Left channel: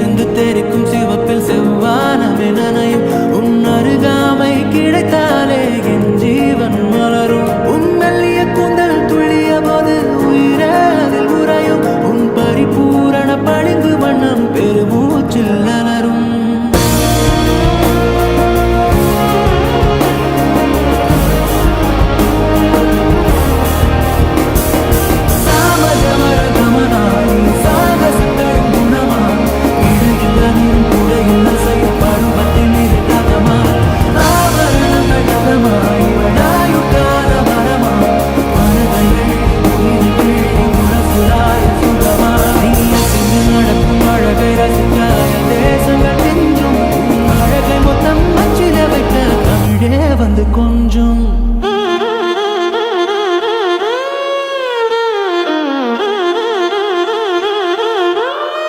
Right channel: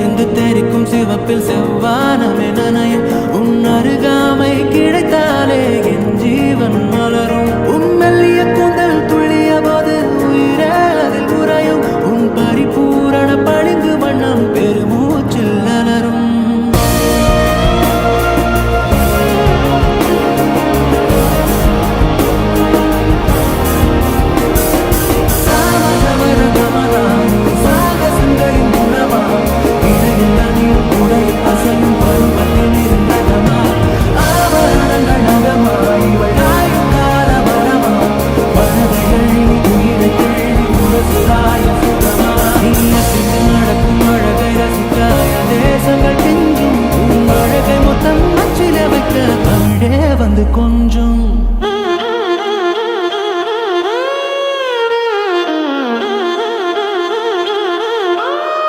இருந்து தெரிக்கும் சிவப்பில் செவ்வானமே நனையும். உன் அருகாமை கிடைத்தாலே என் ஜீவன் மலரும். உன் மெல்லிய கூந்தல் துள்ளிய போது உயிரே அதில் உறையும். உன் பரிபூரண பளிங்கு வண்ணம் பெருமூச்சில் அலரும். தேசங்கள் கெஞ்சும் உன் அழகை மொத்தம் அச்சில வைக்க தமிழே வந்து கொண்டு